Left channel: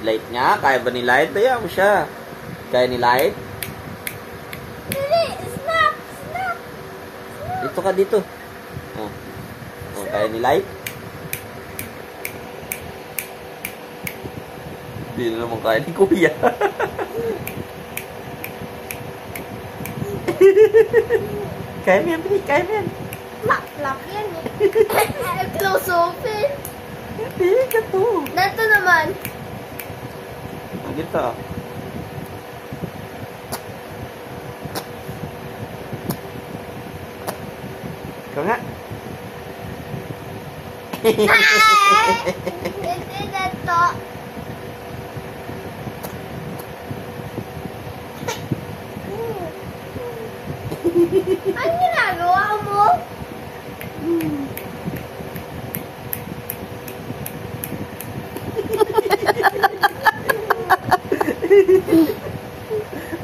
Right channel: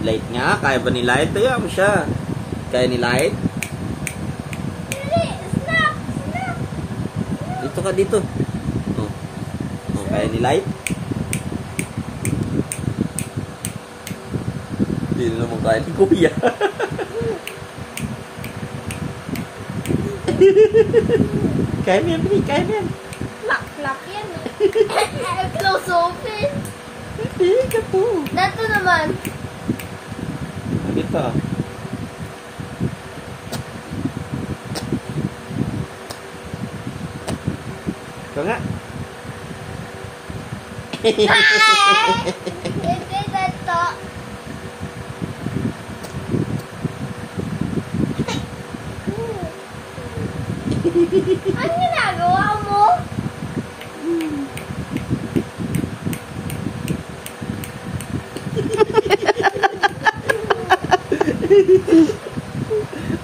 Light nga. Kaya ba ni Light? Kaya mo siya. Kaya ni Light? Snap! Snap! Dito ka dito. Oh. Oh, kaya ni Light? Hindi naman kaya ni Kuya. Kaya mo yan, Bri. Kaya mo yan. Lock yan eh. Close open. Hindi ka to. Dito naman. Dito. Ikaw nga. Hindi dito. Ano ginagawa mo?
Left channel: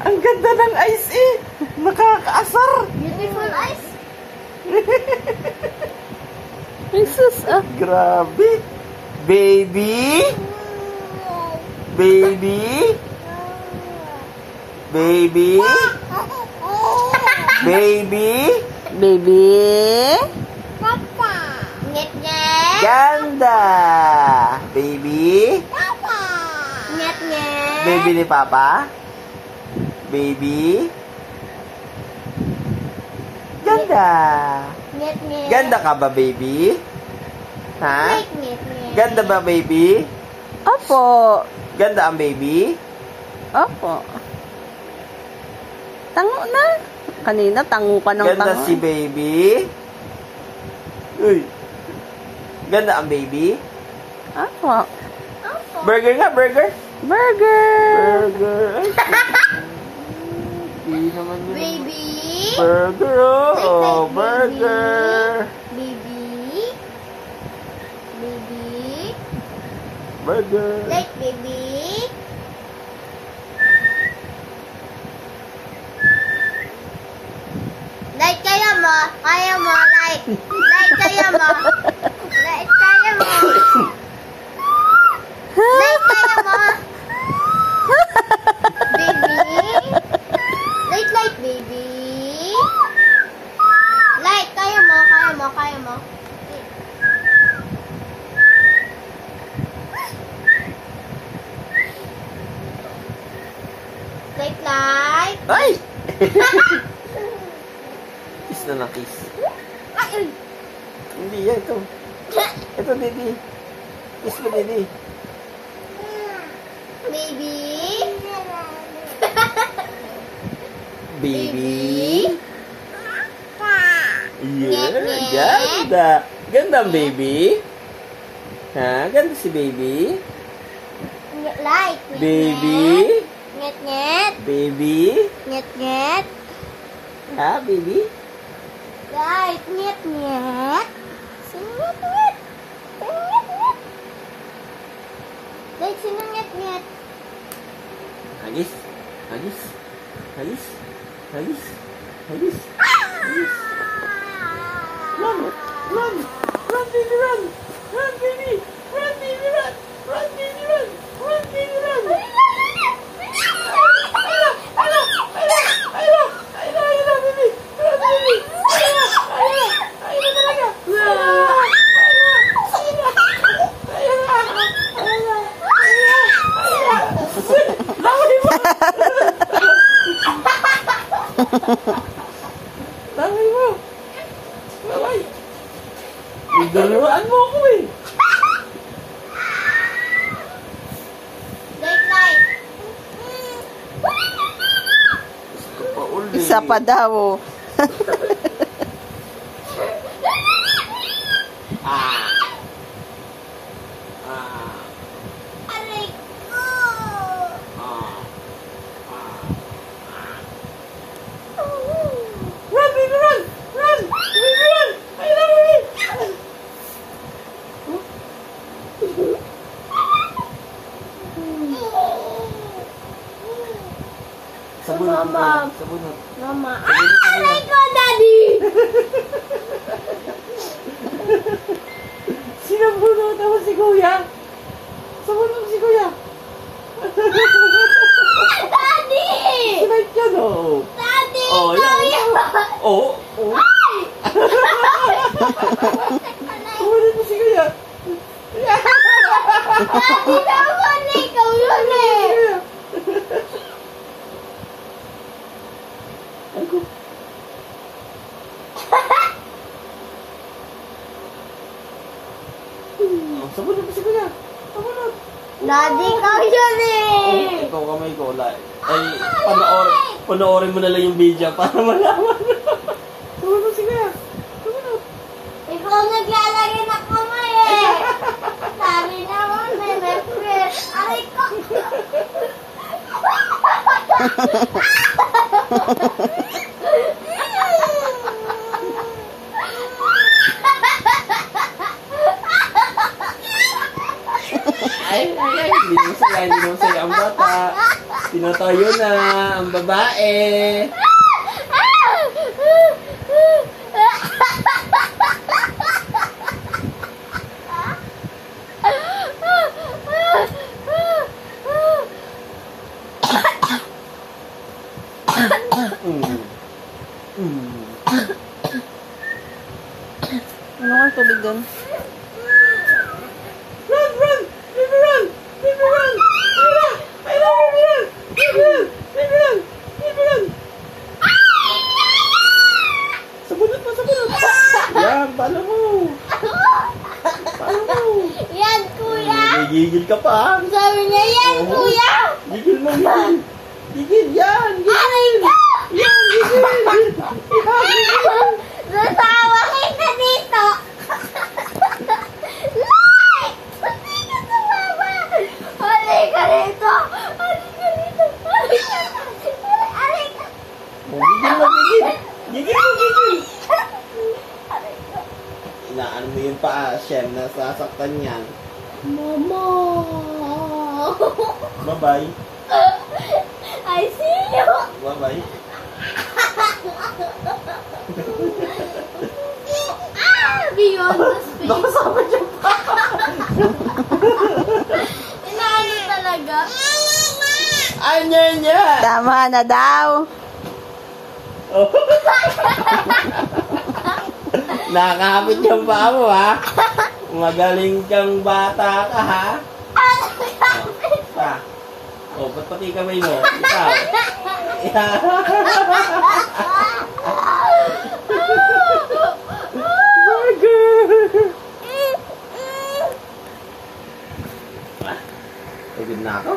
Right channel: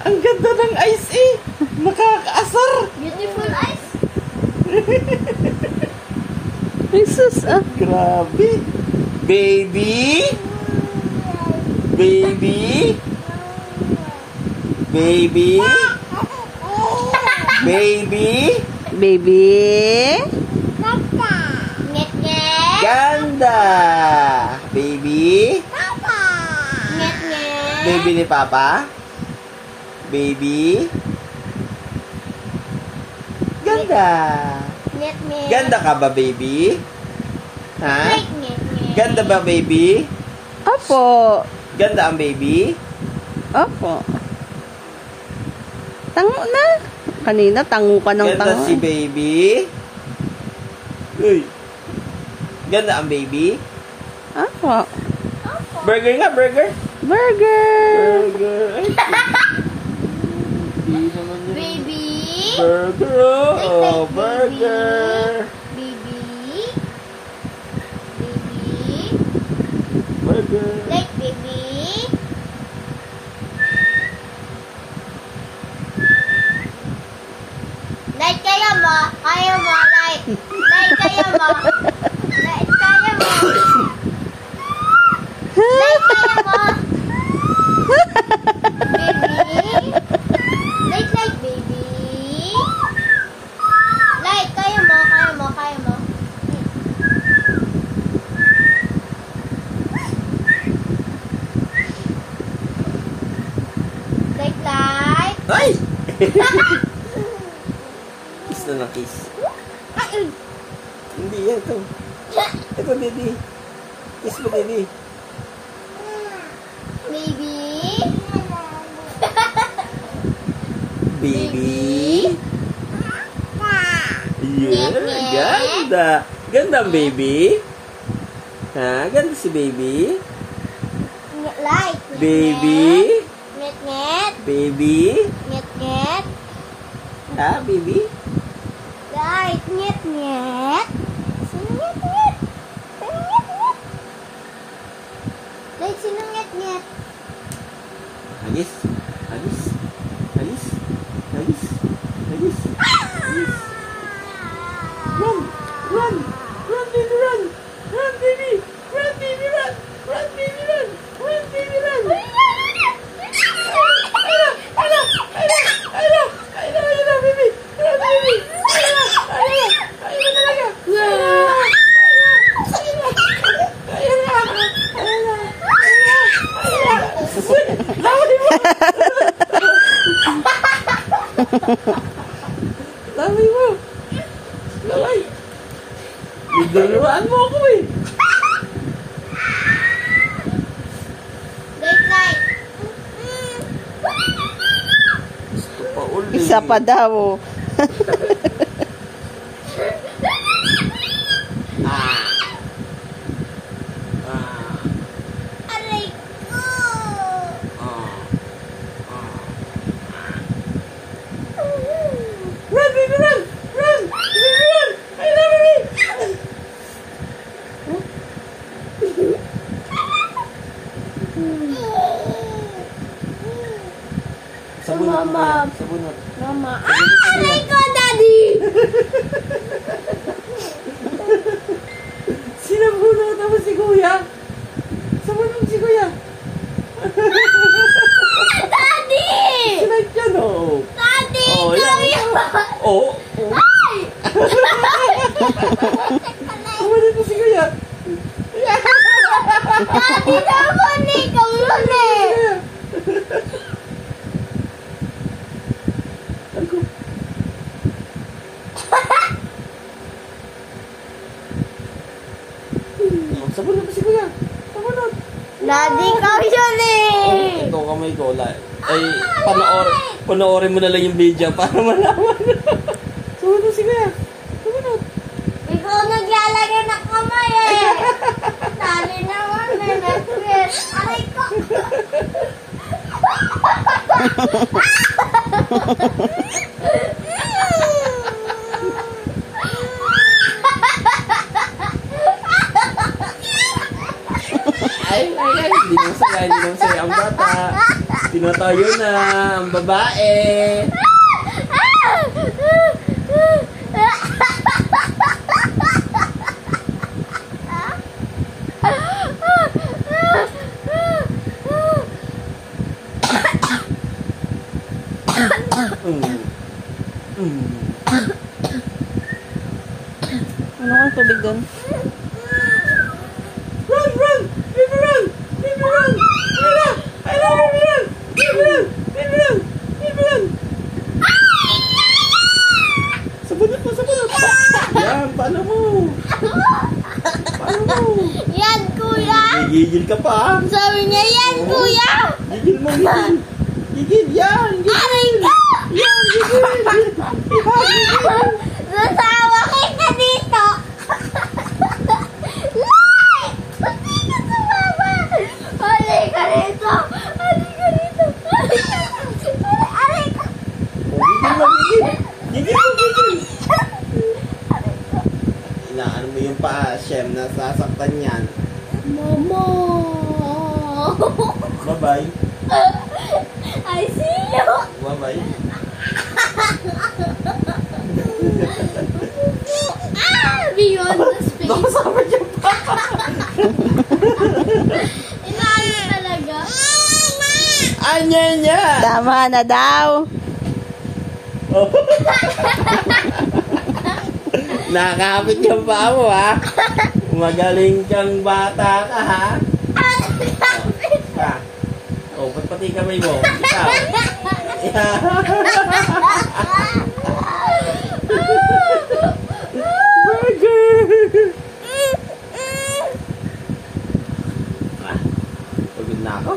Ang ganda ng ice eh. Nakakaasar. Beautiful eyes. Jesus, ah. Grabe. Baby. Baby. Baby. Baby. Baby. Papa. Nget-nget. Ganda. Baby. Papa. Nget-nget. Baby ni Papa. Baby. Ganda. Nget-nget. Ganda ka ba, baby? Ha? Nget-nget. Ganda ba, baby? Opo. Ganda ang baby? Opo. Tango na. Kanina, tango ka ng Ganda tango. si baby? Uy. Ganda ang baby? Opo. Burger nga, burger. Burger. Burger. Ay, hindi naman yun. Baby. Burger, oh. Burger. Baby. Baby. Burger. Like baby. Like kaya mo. Kaya mo. Like. Like kaya mo. Like kaya mo. Like kaya mo. Baby. Like baby. Like kaya mo. Kaya mo. Kaya mo. Like. Ay! Kiss na lang, kiss. Ay. Hindi yan, ito. Ito, Didi. Kiss mo, Didi. Baby. Baby. Yeah, ganda. Ganda ang baby. Ha? Ganda si baby. Like. Baby. Nget-nget. Baby. Nget-nget. Ha, baby? Like. Nget-nget. Sino nget-nget? Sino nget-nget? Like, sino nget-nget? Agis. Agis. Agis. Agis. Agis. Agis. Run. Run. Run, baby, run. Run, baby. Run, baby, run. Run, baby, run. Run, baby, run. Baby. Run, baby. Talaga. Laway mo. Laway mo. Laway. Iduluan mo ako eh. Like. Gusto pa ulit. Isa pa daw. Aray ko. Run, baby, run! Run! Baby, run! I love you! Sabunot mo Mama. yan. Sabunot. Mama. Aray ko, Daddy! Sinabunot naman si Kuya. Sabunot si Kuya. Kumalit mo si Kuya. Daddy, naman eh. Ikaw yun eh. Ay ko. Sabon na si Kuya. Sabon na. Daddy, ikaw yun eh. Ikaw kamay ko. Ay, panoorin mo na lang yung video para malaman. Sabon na si Kuya. Sabon na. Ikaw naglalagay ng kamay eh. Daddy naman eh. Netflix. Aray ko. Ay, hindi mo saya ang bata. Tinotoyo na ang babae. Ano kang tubig doon? Run, run! Baby, run! Baby, run! I love baby, run! Baby, run! Baby, run! Baby, run! Sabunot pa, sabunot! Yan, paano mo? Paano mo? Yan, kuya. Gigil ka pa. Sabi niya, yan, Oo. kuya. Gigil mo, gigil. Gigil, yan! Aray Gigil! ko. Yan, gigil! Yan, gigil! Nasawa kita dito. Nay! Hindi ka sumama. Aray ka rito. Aray ka rito. Aray ka. Oh, gigil mo, gigil! Gigil mo, gigil! Inaano mo yung paa, Shem, nasasaktan yan. Mama. Bye-bye. I see you. Bye-bye. Beyond the space. Nakasama niya pa. Inaano talaga? Anya niya. Tama na daw. Oh. Nakakapit yung paa mo, ha? Magaling kang bata ka, ha? Pa. Oh, ba't pati kamay mo? Ikaw. Pagod na ako.